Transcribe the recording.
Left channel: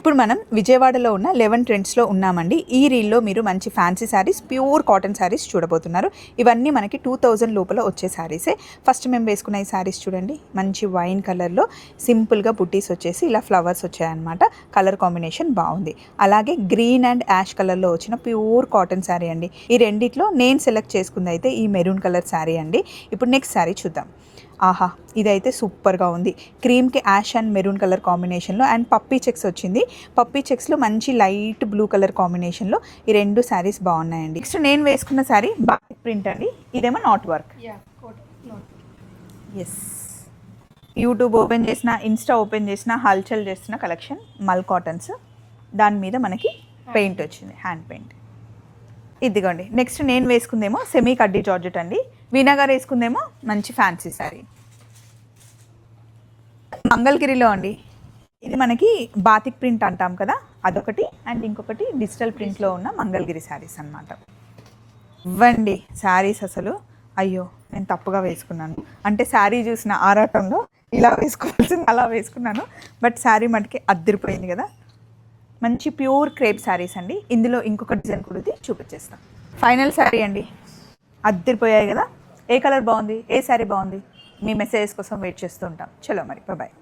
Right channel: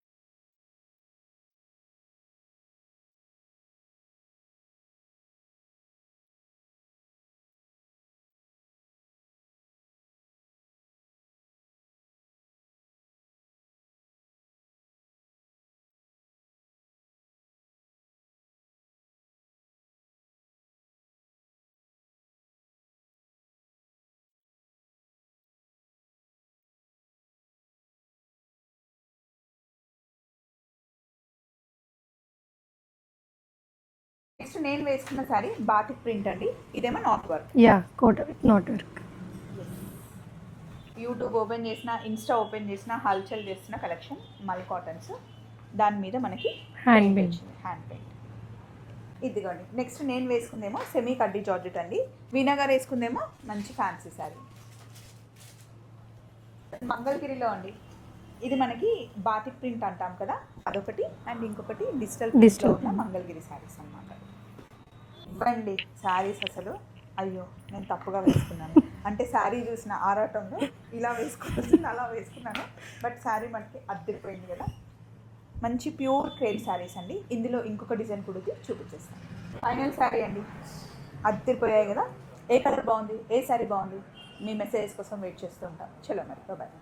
ఇప్పుడు మనం విజయవాడలో ఉన్న 11 ట్రెండ్స్లో ఉన్నామండి. ఈ రీల్లో మీరు మంచి fancy saris, pure cotton saris చూడబోతున్నారు. ఇవన్నీ మనకి 2000 లోపల వచ్చే శారీసే. ఫస్ట్ మేము వేసుకున్న ఈ శారీస్ చూడండి, మంచి వైన్ కలర్లో సింపుల్గా బుట్టీస్ వచ్చేసి ఇలా ఫ్లవర్స్ వచ్చాయన్నమాట. కలర్ కాంబినేషన్ బాగుంది. అలాగే గ్రీన్ అండ్ యాష్ కలర్లో వచ్చిన ప్యూర్ కాటన్ శారీ అండి. ఈ రెండిట్లో నేను సెలెక్ట్ చేసుకుంది అయితే ఈ మెరూన్ కలర్ శారీ అండి. ఇప్పుడు నెక్స్ట్ శారీ చూద్దాం. ఆహా, ఇదైతే సూపర్గా ఉంది. క్రీమ్కి యాష్ అండ్ మెరూన్ కలర్ కాంబినేషన్లో అండ్ పప్పీ చెక్స్ వచ్చింది. పప్పీ చెక్స్లో మంచి లైట్ బ్లూ కలర్ కాంబినేషన్లో ఈ రెండు శారీస్ బాగున్నాయండి. నెక్స్ట్ నేను వేసుకున్న శారీ బాటిక్ ప్రింట్ అండి. ఇదేమో not work. Not work. Yes, YouTube open చేసిన, ఇన్స్టా ఓపెన్ చేసిన, హల్చల్ చేసిన కలెక్షన్ మల్ కాటన్స్. దాని మీద మనకి పెయింట్ వచ్చింది, హ్యాండ్ పెయింట్. ఇదిగోండి. నెక్స్ట్ నేను వేసుకుందేమో సెమీ కడ్డీ జార్జెట్ అండి. వీణా గారు వేసుకుందేమో మంచి ఫ్యాన్సీ శారీ మంగళగిరిలో అండి. ఇది మనకి బాతిక్ ప్రింట్ అంటాం కదా, అదొకటి. అండ్ ఇంకొకటి డిజిటల్ ప్రింట్లో ఉన్న మంగళగిరి శారీస్ అనమాట. ఇవ్వండి శారీస్. అసలు అయ్యో, నేను తప్పుగా వేసుకున్నాను. అంటే శారీ చూసిన ఆరాటంలో ఇలా వేసుకోవాల్సింది అలా వేసుకున్నాను. బట్ శారీ మటుకి అద్దరిపోయింది కదా. మంచి ప్యూర్ క్రేప్ శారీస్ అండి. ఇందులో ఇంకొక డిజైన్ కూడా చూపించేస్తాను. ఫైనల్ శారీ అండి. అద్దరిపోయాయి కదా. ఏ కలర్ బాగుంది, ఏ శారీ బాగుంది, మీ మెసేజెస్ కోసం వెయిట్ చేస్తూ ఉంటాం. చలో మరి, బాయ్.